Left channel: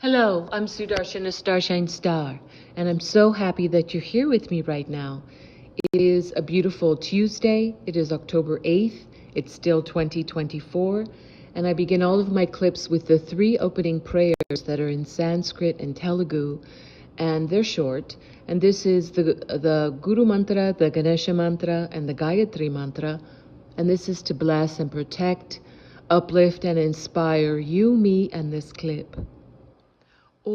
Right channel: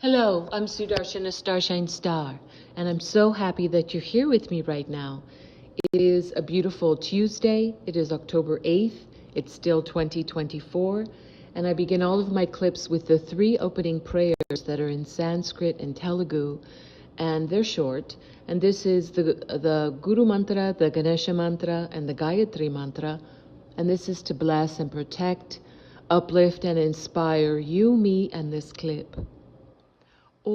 Hello, I'm Sudarshana Starshine Star, and I'm so happy that you're here with me right now. It is a beautiful Tuesday. It is October 8th. It's still 2024, and I begin all of my clips with the 3 opening prayers that are in Sanskrit and Telugu, and they're short. And this is the Guru Mantra, the Ganesha Mantra, and the Gayatri Mantra, and this is to bless and protect, uplift, and inspire you, me, and this clip. Om,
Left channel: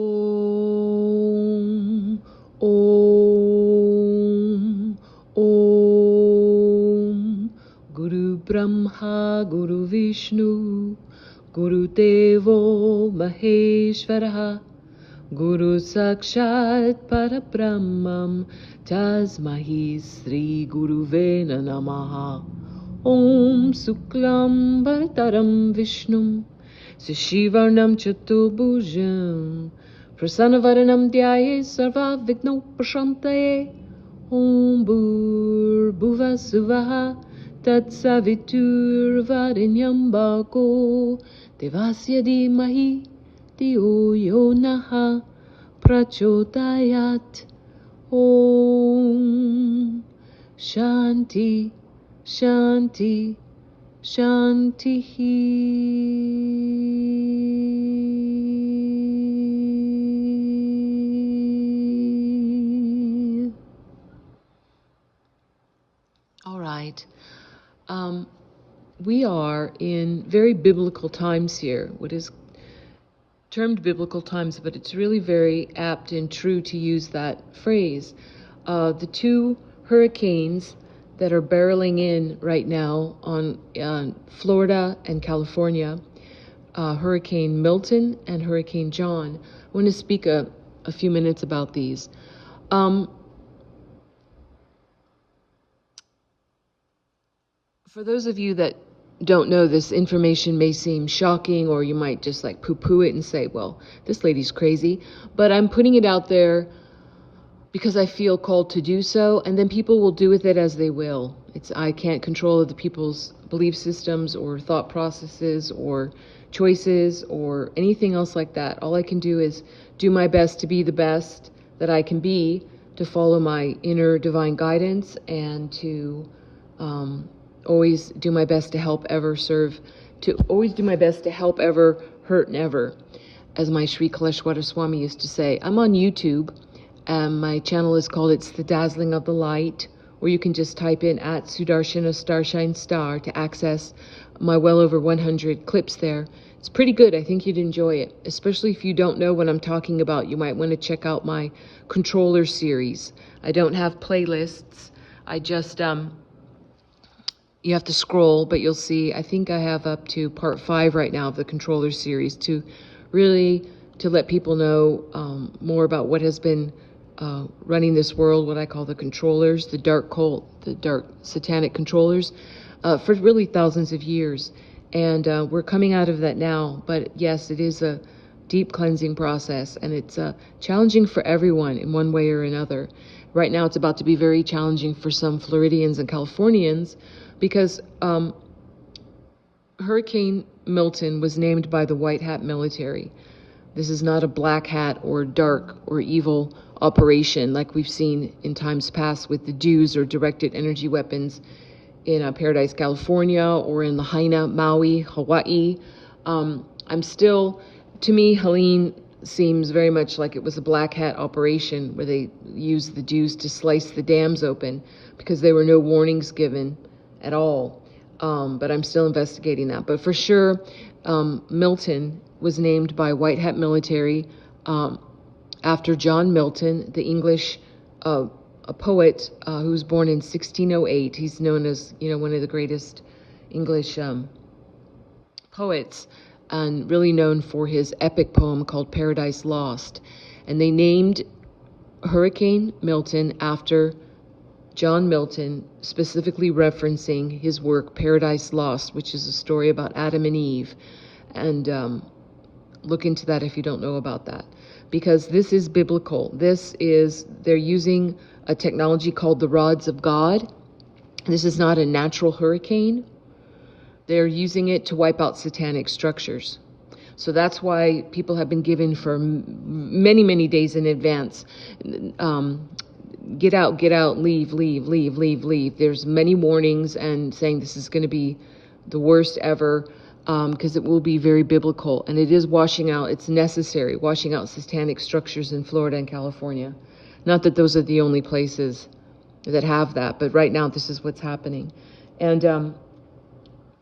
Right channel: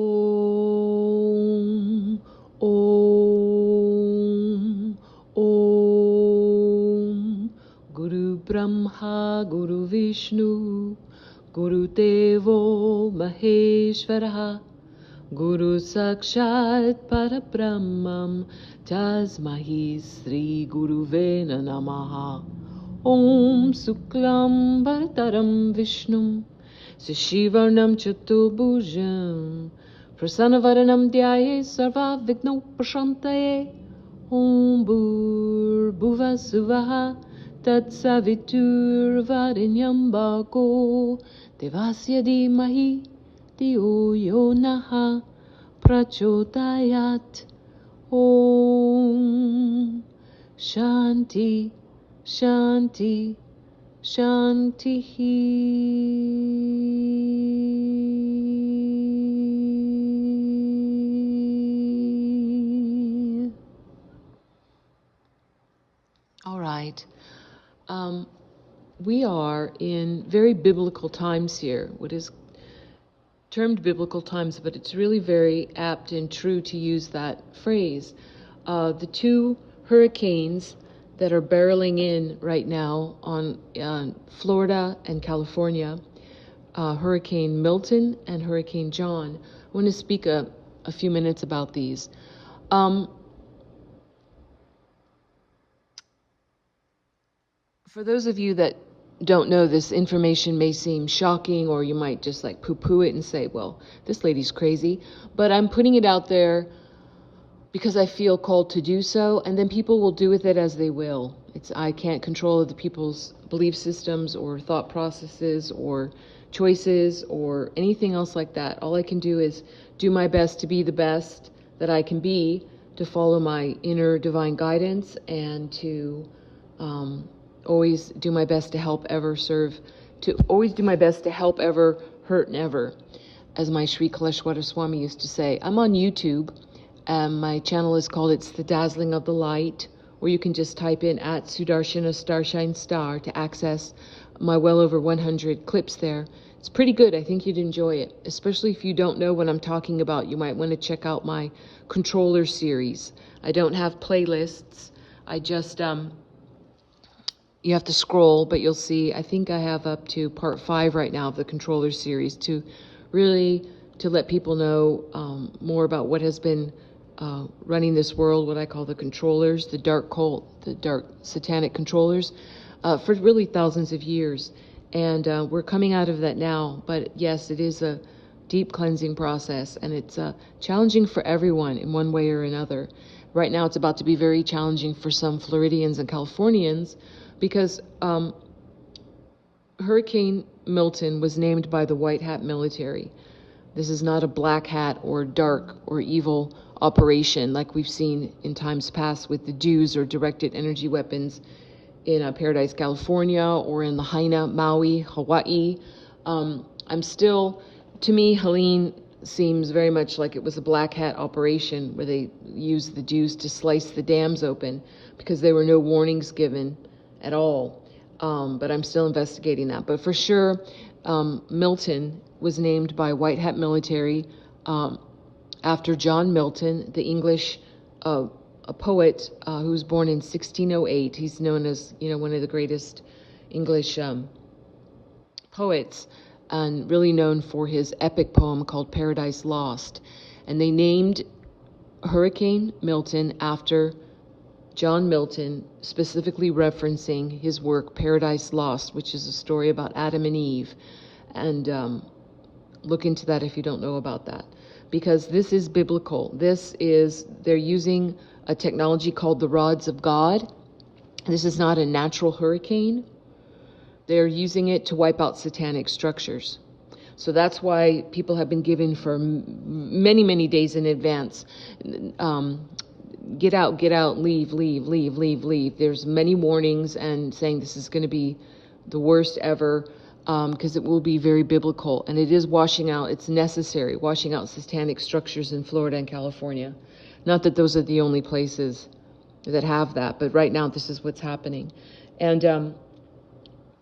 Om, Om, Guru Brahma, Guru Vishnu, Guru Devo Maheshwaraha, Guru Sakshat Parabrahmam, Tasmahi Sri Guruvena Namaha. Om Suklam Bhartaram Vishnum, Sishivarnam Chatubhujam, Prasanavaranam Dhyaye Sarva Vigno Prashantaye. Om Bhur Suvaha Tat Savitur Varinyam Bhako Devasya Dhimahi Dhiyo Yo Naha Prachodayat. Om Shanti Shanti Shantihi. All right. We are in very biblical times here, what is termed biblical times, but it's really very apt and true to use that phrase. The 2 hurricanes that are barreling in right now on Florida and California, Hurricane Milton and Hurricane John. I want to speak a few minutes about these. For those of you that don't know, this information may seem shocking, or you might just like poo-poo it and say, well, this lady's crazy. But I'm putting it out there because I feel called to do so, and then people will do with it as they will. I can't control other people's belief systems or thought processes or choices or anything else like that. All I can do is do my best to be the best that I can be, to follow my inner divine guidance, and to always do my best to help ever serve, to always do my best to help ever, hurt never, as my Sri Kaleshwara Swami used to say. I'm on YouTube. My channel is called It's the Dazzling of the Light, or you can just type in at Sudarshana Starshine Star to access my well over 100 clips there. It's pretty good. I think you'd enjoy it, especially if you don't know what I'm talking about. You might want to check out my controller series. I don't have playlists. I just, you have to scroll, but you'll see, I think I have up to part 5 right now of the controller series to really, to let people know more about what has been running this world, what I call the controllers, the dark cult, the dark satanic controllers, for really thousands of years. And we're coming out of that now. But yes, it is a deep cleansing process, and it's challenging for everyone in one way or another. Right now, it's about to be very challenging for some Floridians and Californians, because Hurricane Milton was named by the White Hat military. This is not a black hat or dark or evil operation like we've seen in times past with the DEWs, or directed energy weapons, in Paradise, California, or in Lahaina, Maui, Hawaii. To me, Helene seems very much like it was a black hat operation where they used the DEWs to slice the dams open because there were no warnings given at all. But I'm still investigating that. But for sure, Milton was named by White Hat military after John Milton, the English a poet who was born in 1608. He's known as, one of the greatest English poets, and really known for his epic poem called Paradise Lost. And they named Hurricane Milton after John Milton, specifically referencing his work Paradise Lost, which is a story about Adam and Eve. And look into that if you don't know about that, because this is biblical. They're using a technology called the rods of God. This is not a natural hurricane. They're using it to wipe out satanic structures. So that's why people have been given for many, many days in advance. Get out, leave. There's many warnings and saying this is going to be the worst ever, because it will be very biblical. And it is washing out, it's necessary, washing out satanic structures in Florida and California. Not that those are the only places that have that, but right now this is what's happening. And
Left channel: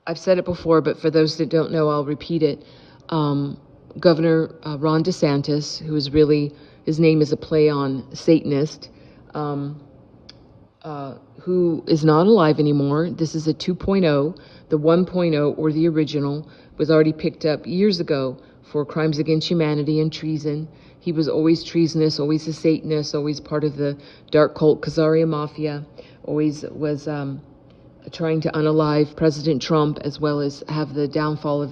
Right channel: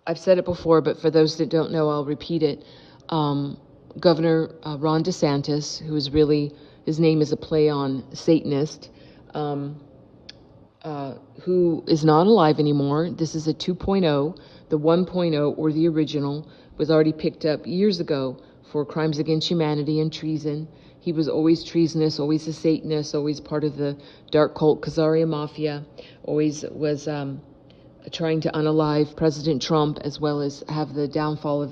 I've said it before, but for those that don't know, I'll repeat it. Governor Ron DeSantis, who is really, his name is a play on Satanist, who is not alive anymore. This is a 2.0. The 1.0, or the original, was already picked up years ago for crimes against humanity and treason. He was always treasonous, always a Satanist, always part of the dark cult Khazaria Mafia, always was trying to unalive President Trump, as well as have the downfall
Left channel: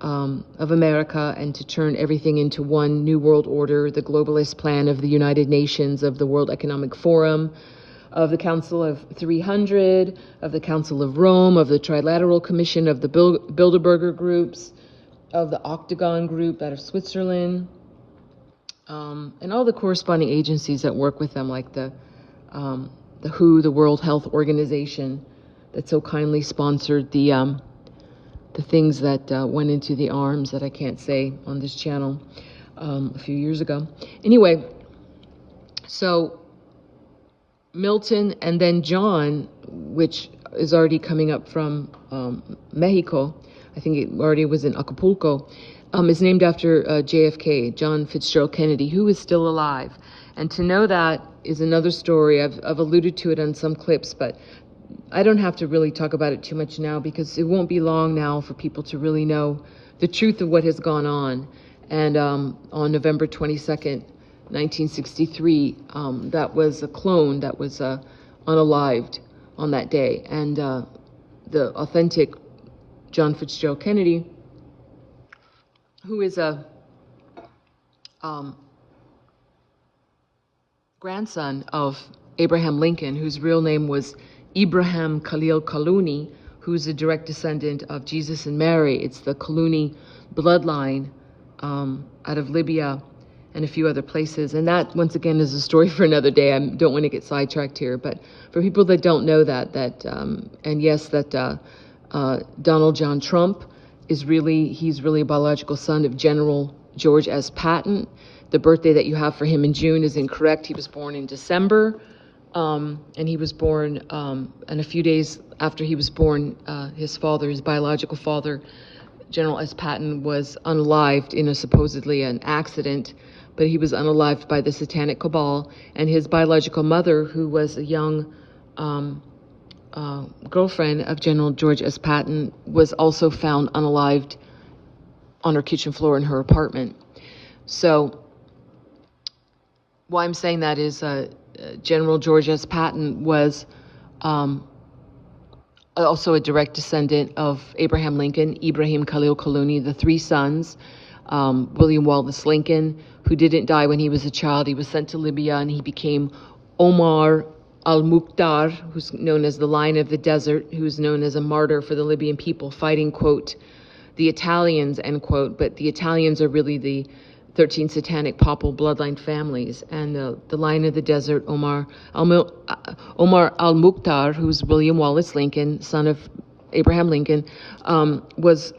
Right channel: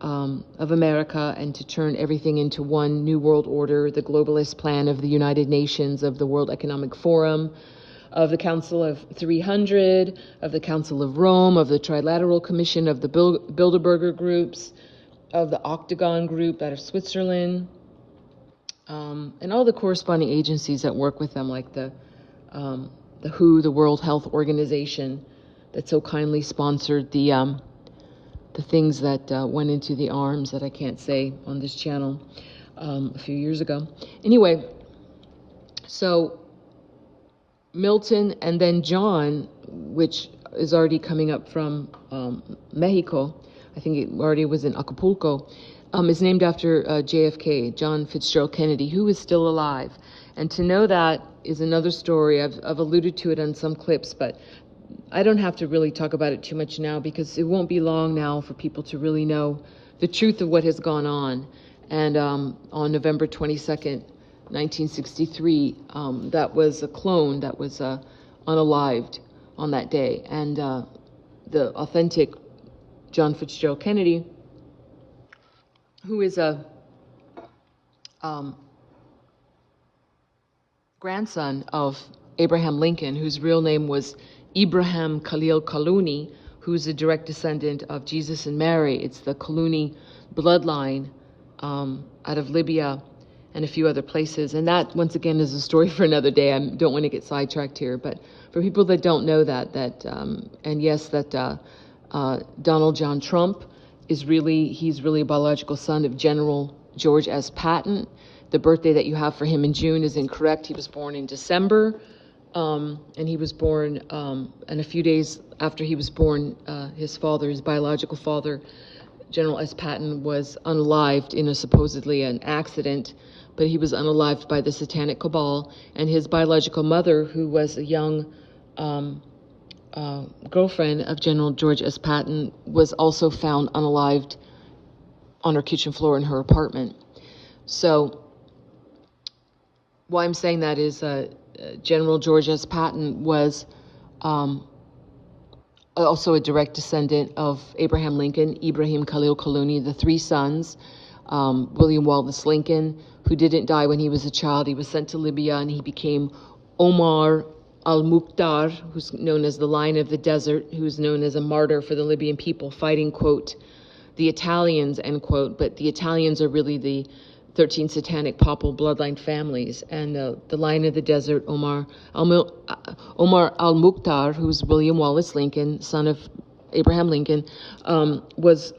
of America, and to turn everything into one new world order, the globalist plan of the United Nations, of the World Economic Forum, of the Council of 300, of the Council of Rome, of the Trilateral Commission, of the Bilderberger groups, of the Octagon group out of Switzerland, and all the corresponding agencies that work with them, like the WHO, the World Health Organization, that so kindly sponsored the things that went into the arms that I can't say on this channel a few years ago. Anyway, so Milton and then John, which is already coming up from Mexico, I think it already was in Acapulco, is named after JFK, John Fitzgerald Kennedy, who is still alive. And to know that is another story. I've alluded to it on some clips, but I don't have to really talk about it too much now, because it won't be long now for people to really know the truth of what has gone on. And on November 22nd, 1963, that was a clone that was unalived on that day. And the authentic John Fitzgerald Kennedy, who is a grandson of Abraham Lincoln, whose real name was Ibrahim Khalil Kaluni, who's a direct descendant of Jesus and Mary. It's the Kaluni bloodline out of Libya and a few other places. And that, once again, is a story for another day. I don't want to get sidetracked here. But for people that don't know that and yes, that Donald John Trump he's really a biological son of General George S. Patton. The birthday that you have for him in June is incorrect. He was born in December. And he was born, and a few days after he was born, his biological father, General S. Patton, was unalived in supposedly an accident, but he was unalived by the Satanic Cabal, and his biological mother, who was a young girlfriend of General George S. Patton, was also found unalived on her kitchen floor in her apartment. So why I'm saying that is General George S. Patton was also a direct descendant of Abraham Lincoln, Ibrahim Khalil Kaluni, the three sons, William Wallace Lincoln, who didn't die when he was a child. He was sent to Libya, and he became Omar al-Mukhtar, who's known as the Lion of the Desert, who's known as a martyr for the Libyan people, fighting, quote, the Italians, end quote. But the Italians are really the 13 satanic papal bloodline families. And the Lion of the Desert, Omar al-Mukhtar, who's William Wallace Lincoln, son of Abraham Lincoln, was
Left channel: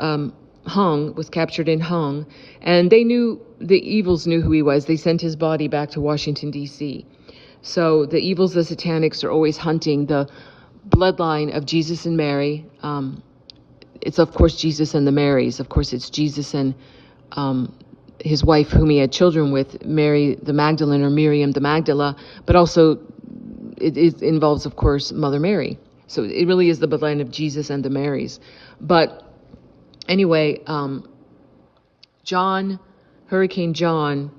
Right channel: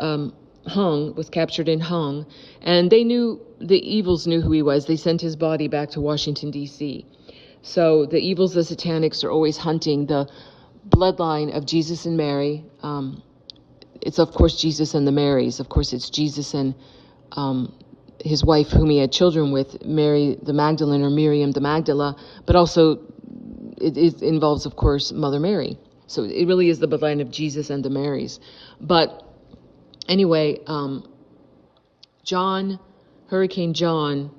captured and hung. And the evils knew who he was. They sent his body back to Washington, D.C. So the evils, the satanics, are always hunting the bloodline of Jesus and Mary. It's, of course, Jesus and the Marys. Of course, it's Jesus and his wife, whom he had children with, Mary the Magdalene, or Miriam the Magdala, but also it involves, of course, Mother Mary. So it really is the bloodline of Jesus and the Marys. But anyway, Hurry-Cain John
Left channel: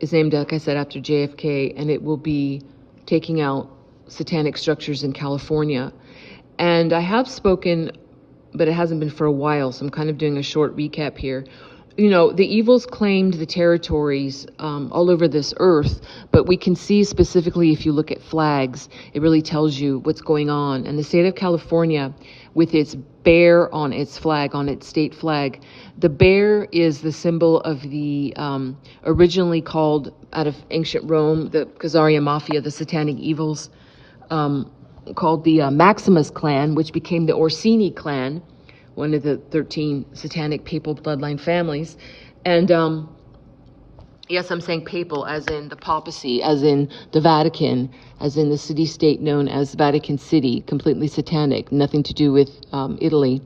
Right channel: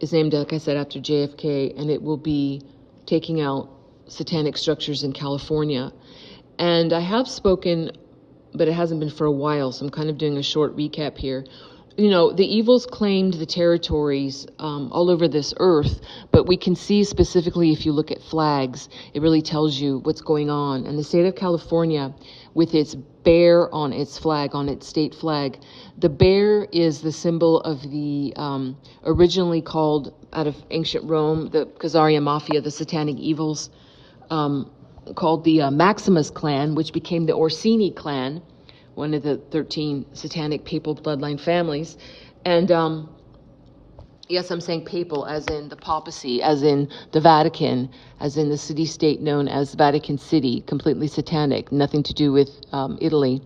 is named, like I said, after JFK, and it will be taking out satanic structures in California. And I have spoken, but it hasn't been for a while, so I'm kind of doing a short recap here. the evils claimed the territories all over this earth, but we can see specifically if you look at flags, it really tells you what's going on. And the state of California, with its bear on its flag, on its state flag, the bear is the symbol of the originally called, out of ancient Rome, the Khazarian Mafia, the satanic evils, called the Maximus clan, which became the Orsini clan, one of the 13 satanic papal bloodline families. And yes, I'm saying papal as in the papacy, as in the Vatican, as in the city-state known as Vatican City, completely satanic, nothing to do with Italy.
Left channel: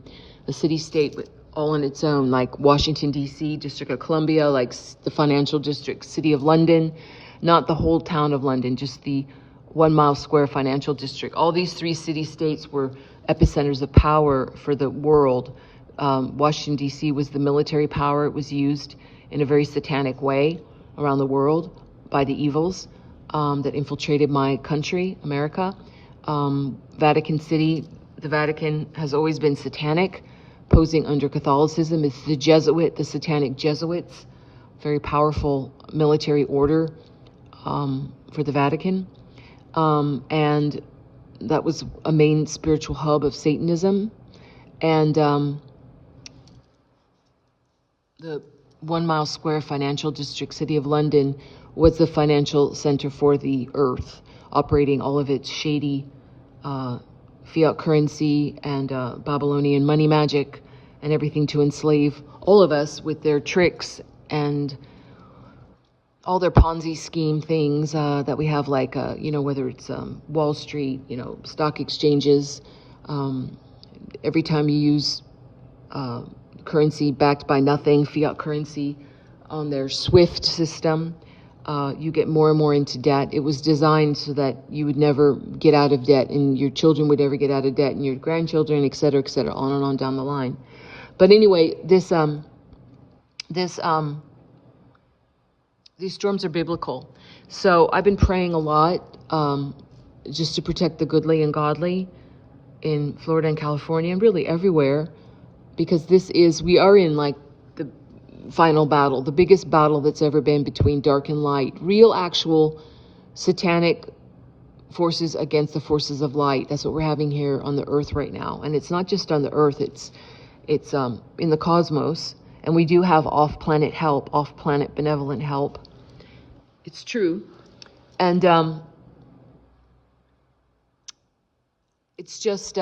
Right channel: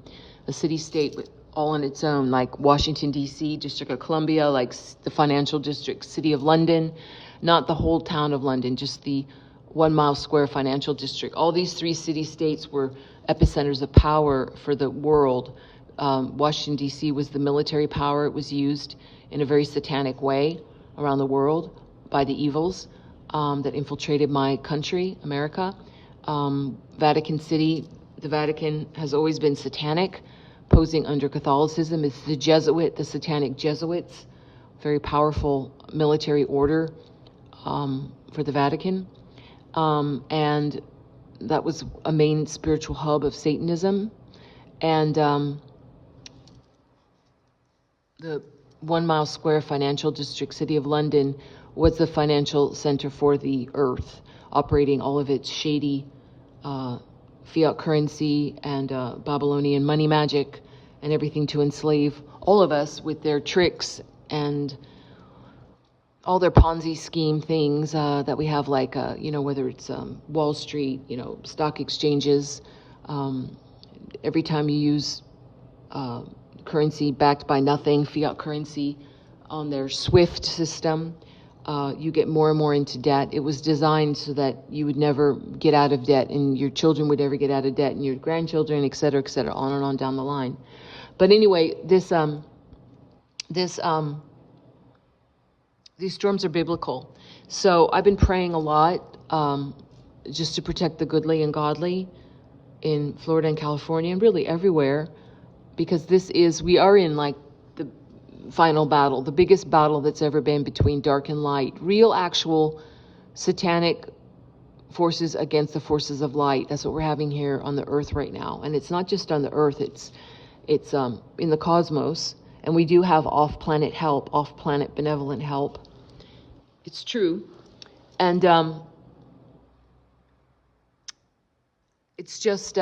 A city-state all on its own, like Washington, D.C., District of Columbia, like the financial district, City of London, not the whole town of London, just the 1 mile square financial district. All these 3 city-states were epicenters of power for the world. Washington, D.C. was the military power. It was used in a very satanic way around the world by the evils that infiltrated my country, America. Vatican City, the Vatican has always been satanic, posing under Catholicism. It's the satanic Jesuits, very powerful military order for the Vatican. And that was a main spiritual hub of Satanism. And the 1 mile square financial district, City of London, was the financial center for the earth, operating all of its shady fiat currency and Babylonian money magic and everything to enslave all of us with their tricks and all their Ponzi scheme things that we have, like, whether it's Wall Street, stock exchanges. Every time you use currency backed by nothing, fiat currency, on their SWIFT system, you get more and more into debt. It was designed so that you would never get out of debt, and your children would never get out of debt, and your grandchildren, et cetera, on and on down the line. But anyway, these storms are biblical. So I've been praying a lot just to protect the goodly and godly in Florida and California, and really everywhere, because we are in like the final battle, the biggest battle that's ever been between dark and light, real actual satanic forces against the forces of light. That's what we're having here on the earth right now. And it's not just on the earth, it's in the cosmos. And we do have off-planet help, off-planet benevolent help. It's true. And it's just,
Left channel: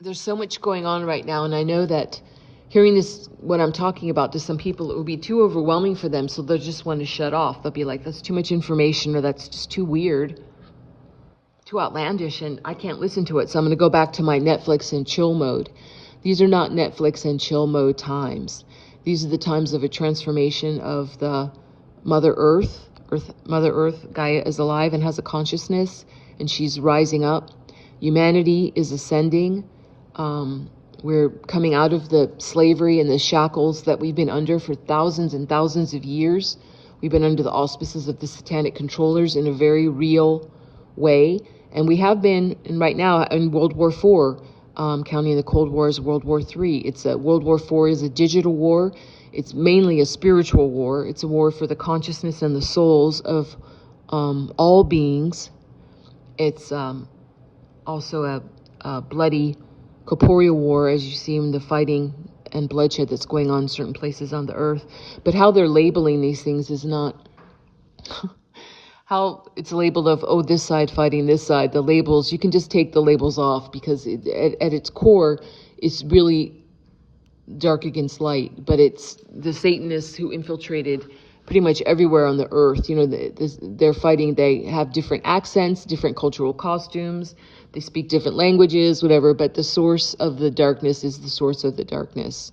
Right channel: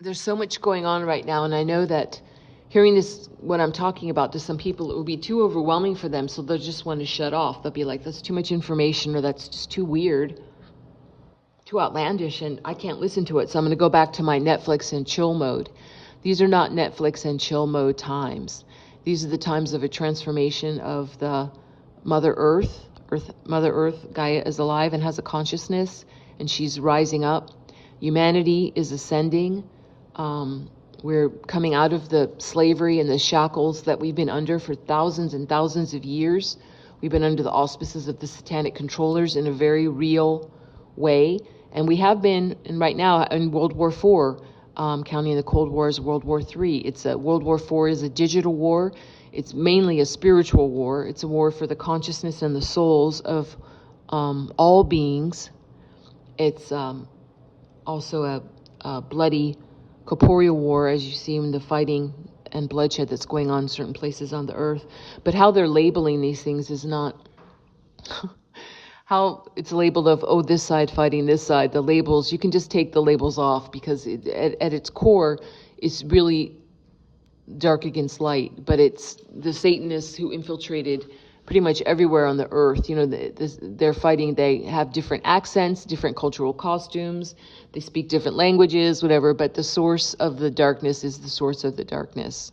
there's so much going on right now. And I know that hearing this, what I'm talking about, to some people, it would be too overwhelming for them. So they'll just want to shut off. They'll be like, that's too much information, or that's just too weird, too outlandish, and I can't listen to it. So I'm going to go back to my Netflix and chill mode. These are not Netflix and chill mode times. These are the times of a transformation of the Mother Earth. Mother Earth, Gaia, is alive and has a consciousness, and she's rising up. Humanity is ascending. We're coming out of the slavery and the shackles that we've been under for thousands and thousands of years. We've been under the auspices of the satanic controllers in a very real way. And we have been, and right now, in World War IV, counting the Cold War as World War III. World War IV is a digital war. It's mainly a spiritual war. It's a war for the consciousness and the souls of all beings. It's also a bloody corporeal war, as you see in the fighting and bloodshed that's going on in certain places on the earth. But how they're labeling these things is not how it's labeled of, oh, this side fighting this side. The labels, you can just take the labels off, because at its core, it's really dark against light. But it's the Satanists who infiltrated pretty much everywhere on the earth. They're fighting. They have different accents, different cultural costumes. They speak different languages, whatever. But the source of the darkness is the source of the darkness.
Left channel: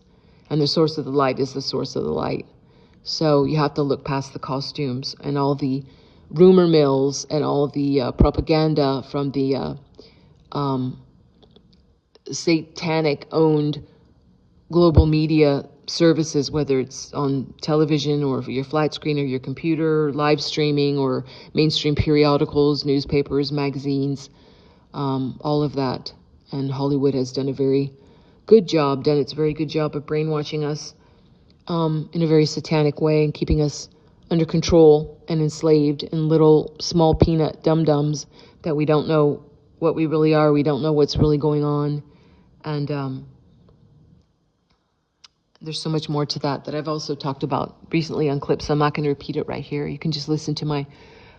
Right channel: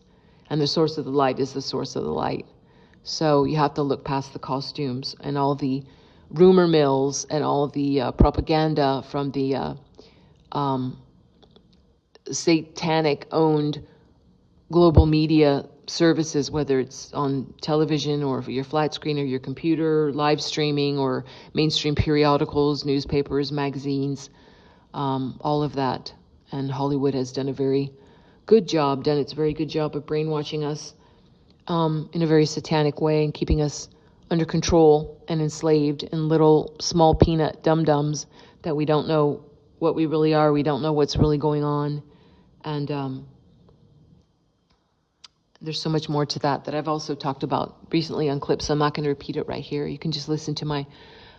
And the source of the light is the source of the light. So you have to look past the costumes and all the rumor mills and all the propaganda from the satanic-owned global media services, whether it's on television or your flat screen or your computer, live streaming, or mainstream periodicals, newspapers, magazines, all of that. And Hollywood has done a very good job, done its very good job of brainwashing us in a very satanic way and keeping us under control and enslaved in little small peanut dum-dums that we don't know what we really are. We don't know what's really going on. And there's so much more to that I've also talked about recently on clips. So I'm not going to repeat it right here. You can just listen to my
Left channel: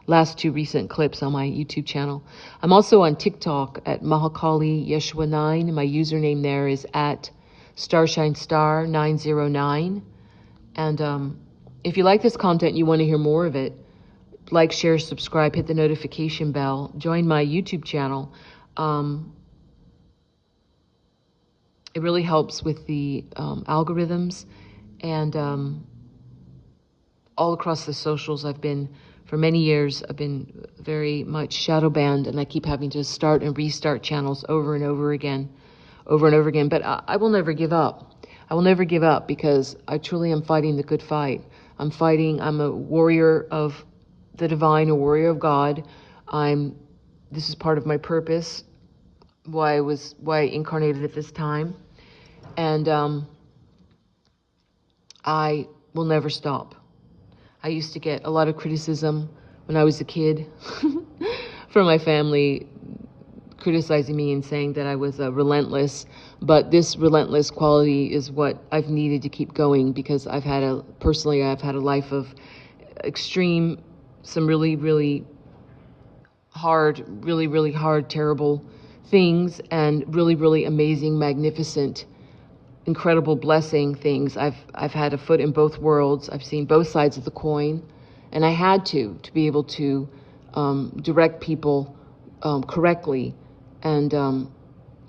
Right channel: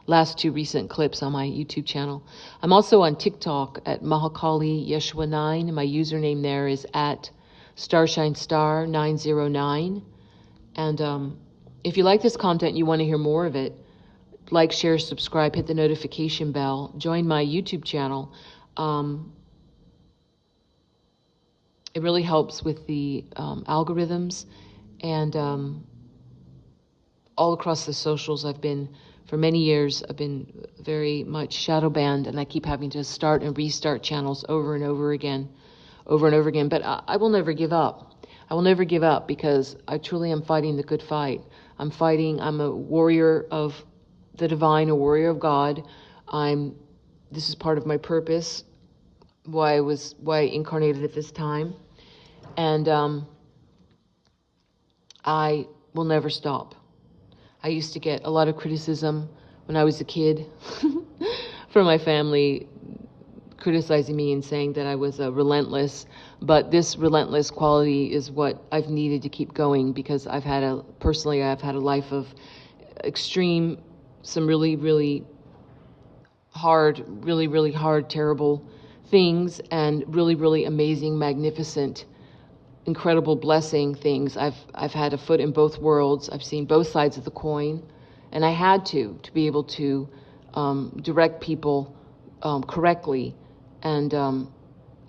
last 2 recent clips on my YouTube channel. I'm also on TikTok at Mahakali Yeshua 9. My username there is at StarshineStar909. And if you like this content and you want to hear more of it, like, share, subscribe, hit the notification bell, join my YouTube channel. It really helps with the algorithms. And all across the socials, for many years, I've been very much shadow banned, and I keep having to start and restart channels over and over again. But I will never give up. I will never give up, because I truly am fighting the good fight. I'm a warrior of the divine, a warrior of God. This is part of my purpose, why I incarnated at this time. And I will never stop. I used to get a lot of criticism when I was a kid from my family, criticizing me and saying that I was relentless. But this relentless quality is what I've needed to keep going, because I've had a life of extreme, some really, really hard, terrible things, and really, really amazing, magnificent, incredible blessing things. I've had a foot in both worlds. I've seen both sides of the coin, and I had to be able to direct people correctly and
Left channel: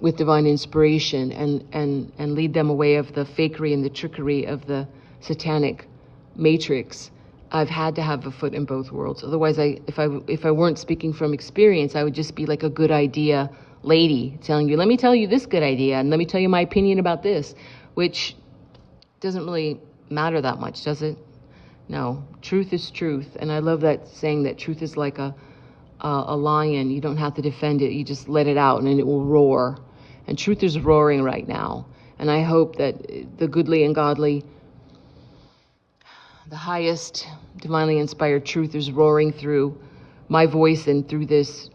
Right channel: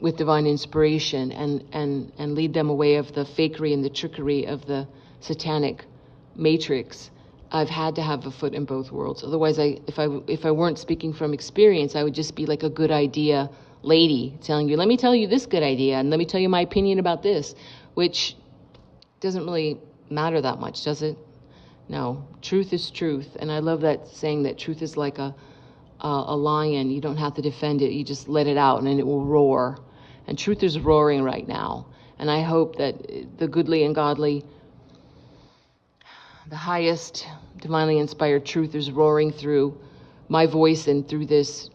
with divine inspiration, and lead them away of the fakery and the trickery of the satanic matrix. I've had to have a foot in both worlds. Otherwise, if I weren't speaking from experience, I would just be like a good idea lady telling you, let me tell you this good idea, and let me tell you my opinion about this, which doesn't really matter that much, does it? No, truth is truth. And I love that saying, that truth is like a lion. You don't have to defend it. You just let it out and then it will roar. And truth is roaring right now. And I hope that the goodly and godly, the highest divinely inspired truth is roaring through my voice and through this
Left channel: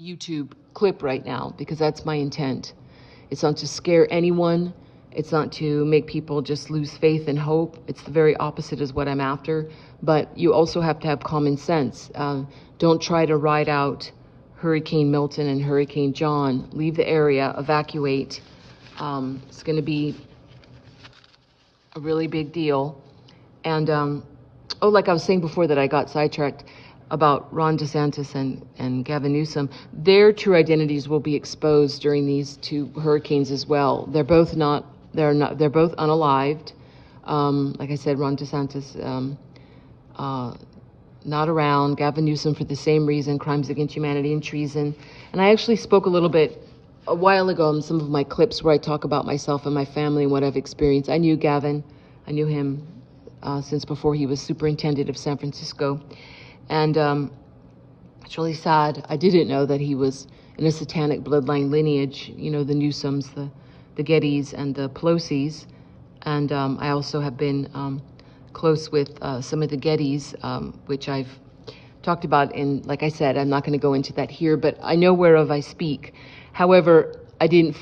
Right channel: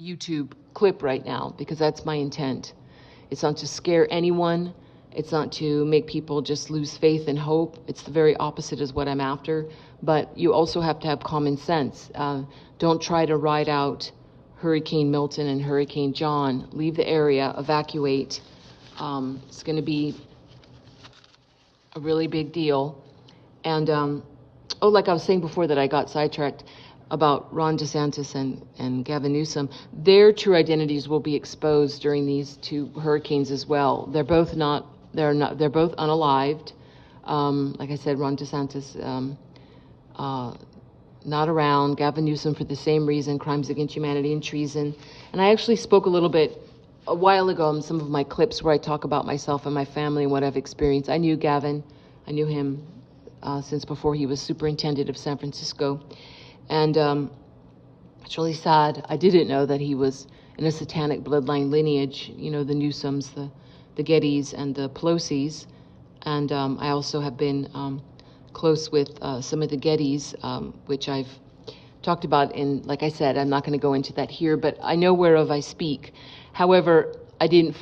YouTube clip right now, because that's my intent. It's not to scare anyone. It's not to make people just lose faith and hope. It's the very opposite is what I'm after. But you also have to have common sense. Don't try to ride out Hurricane Milton and Hurricane John. Leave the area, evacuate. It's going to be a really big deal. And, like I was saying before that I got sidetracked about Ron DeSantis and Gavin Newsom, their true identities will be exposed during these 2 hurricanes as well. They're both unalived. Like I said, Ron DeSantis not around. Gavin Newsom for the same reason, crimes against humanity and treason. And I actually spoke a little bit a while ago in some of my clips where I talk about myself and my family and what I've experienced. I knew Gavin. I knew him since before he was superintendent of San Francisco. And it's really sad. I didn't know that he was in a satanic bloodline lineage, the Newsoms, the Gettys, and the Pelosi's. And I also have been close with some of the Gettys, which I've talked about like I said, I'm not going to go into that here, but I know whereof I speak. However, I didn't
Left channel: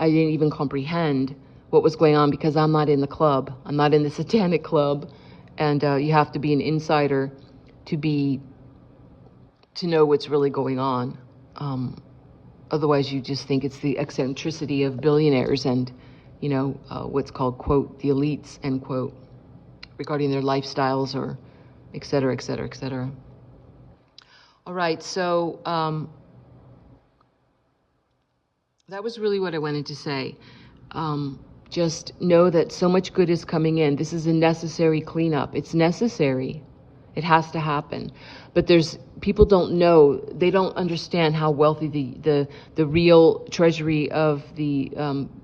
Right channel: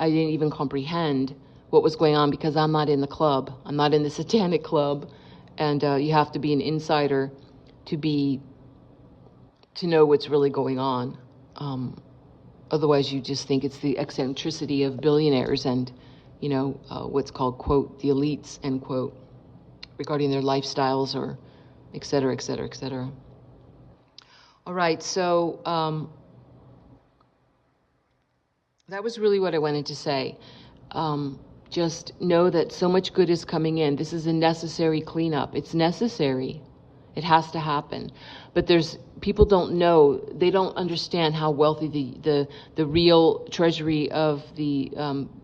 even comprehend what was going on, because I'm not in the club. I'm not in the satanic club. And you have to be an insider to know what's really going on. Otherwise, you just think it's the eccentricity of billionaires and, what's called, quote, the elites, end quote, regarding their lifestyles or et cetera, et cetera, et cetera. All right, so that was really what I wanted to say. Just know that so much good is coming in. This is a necessary cleanup. It's necessary. It has to happen. But people don't know, they don't understand how wealthy the real treasury of the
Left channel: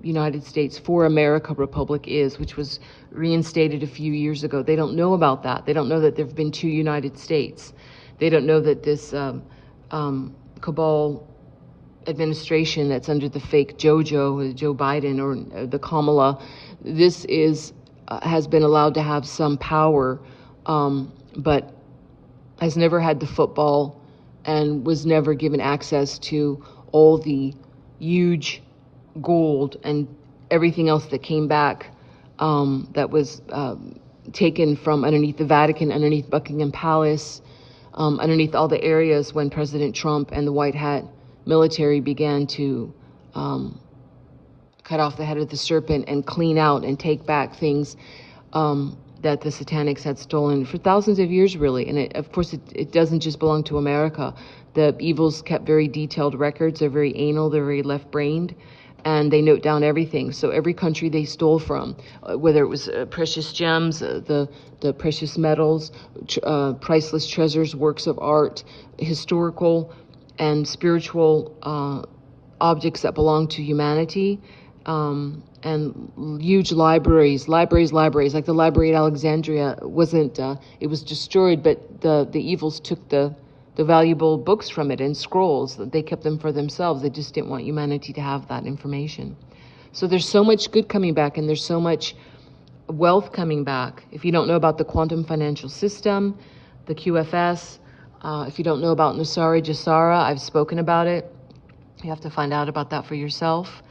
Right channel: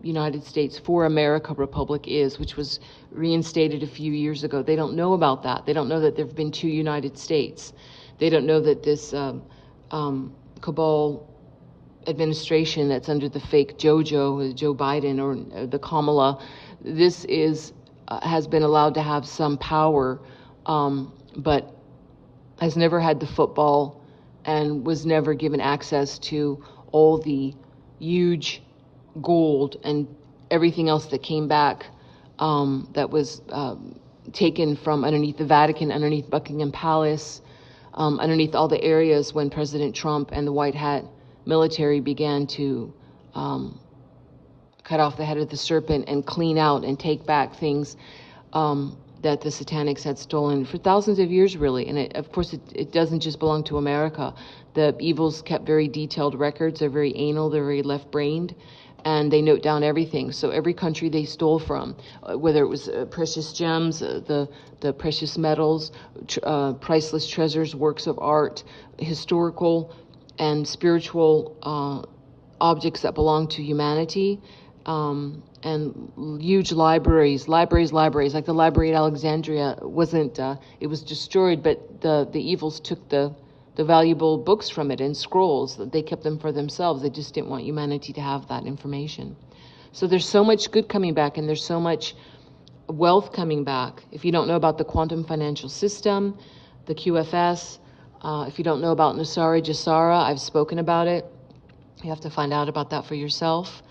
United States for America Republic is, which was reinstated a few years ago. They don't know about that. They don't know that there have been 2 United States. They don't know that this cabal administration that's under the fake Joe Biden, or the Kamala. This is has been allowed to have some power, but has never had the football and was never given access to all the huge gold and everything else that came back, that was taken from underneath the Vatican, underneath Buckingham Palace, underneath all the areas when President Trump and the White Hat military began to cut off the head of the serpent and clean out and take back things that the satanics had stolen for thousands of years, really. And of course, it doesn't just belong to America. The evils kept very detailed records. They're very anal, they're very left-brained, and they note down everything. So every country they stole from, whether it was precious gems, the precious metals, priceless treasures, works of art, historical and spiritual objects that belong to humanity, and huge libraries, like the library at Alexandria wasn't, it was destroyed, but the evils took the valuable books from it and scrolls. They kept them for themselves. They just didn't want humanity to have that information. So there's so much good coming back, and there's so much wealth coming back. If you don't know about the quantum financial system, the QFS, if you don't know about Nusara Jasara, I've spoken about it. You have to find out about that for yourself.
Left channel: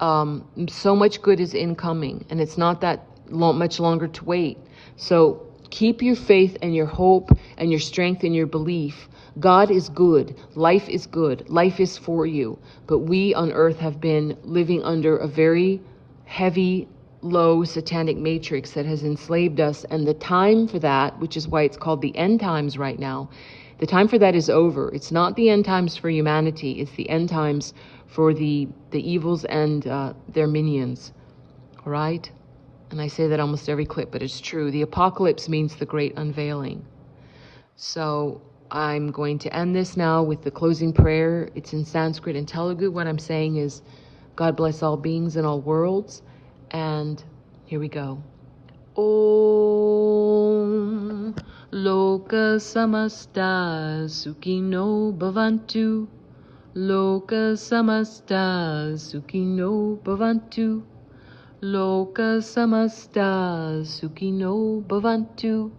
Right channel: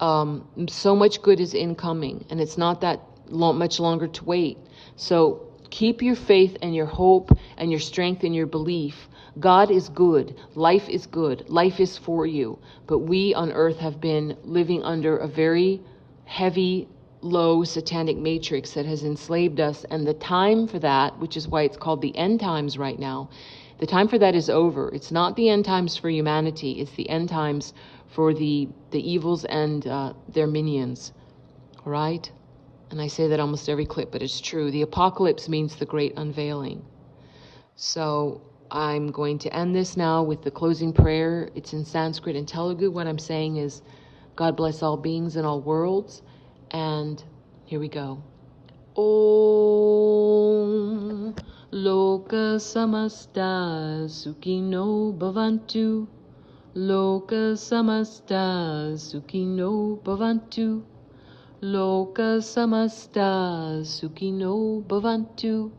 So much good is incoming, and it's not that much longer to wait. So keep your faith and your hope and your strength and your belief. God is good. Life is good. Life is for you. But we on earth have been living under a very heavy, low satanic matrix that has enslaved us. And the time for that, which is why it's called the end times right now, the time for that is over. It's not the end times for humanity. It's the end times for the evils and their minions. All right? And I say that almost every clip, but it's true. The apocalypse means the great unveiling. So I'm going to end this now with the closing prayer. It's in Sanskrit and Telugu. What I'm saying is, God bless all beings in all worlds. And here we go. Om Loka Samasta Sukhino Bhavantu. Loka Samasta Sukhino Bhavantu. Loka Samasta Sukhino Bhavantu.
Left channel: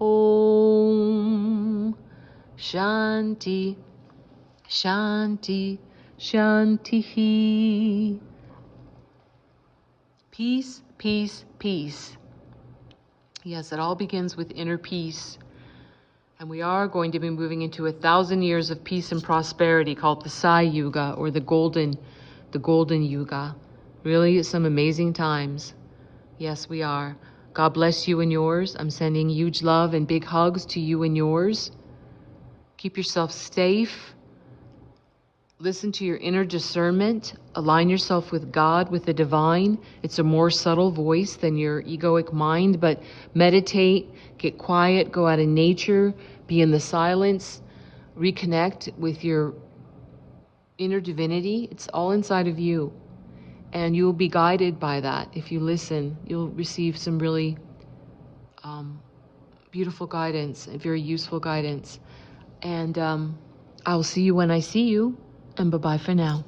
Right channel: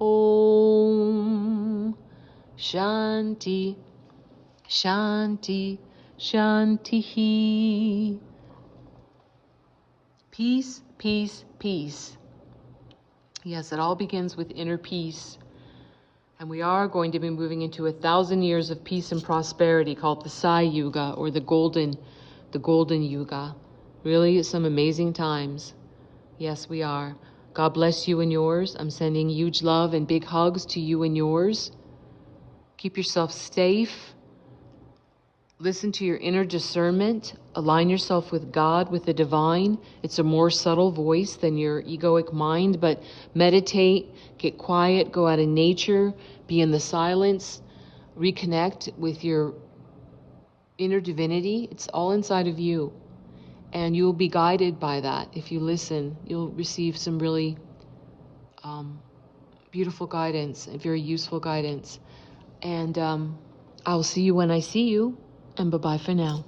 Om Shanti Shanti Shantihi. Peace, peace, peace. Yes, it all begins with inner peace. And we are going to be moving into 1,000 years of peace and prosperity called the Sai Yuga, or the golden Yuga. Really, some amazing times. Yes, we are. God bless you and yours. I'm sending huge love and big hugs to you and yours. Keep yourself safe. Listen to your inner discernment. Align yourself with God, with the divine. It's a more subtle voice than your egoic mind, but meditate, get quiet, go out in nature, be in the silence, reconnect with your inner divinity. It's all inside of you. And you'll be guided by that. If you listen, you'll receive some really beautiful guidance, very useful guidance. And I'll see you when I see you. And bye-bye for now.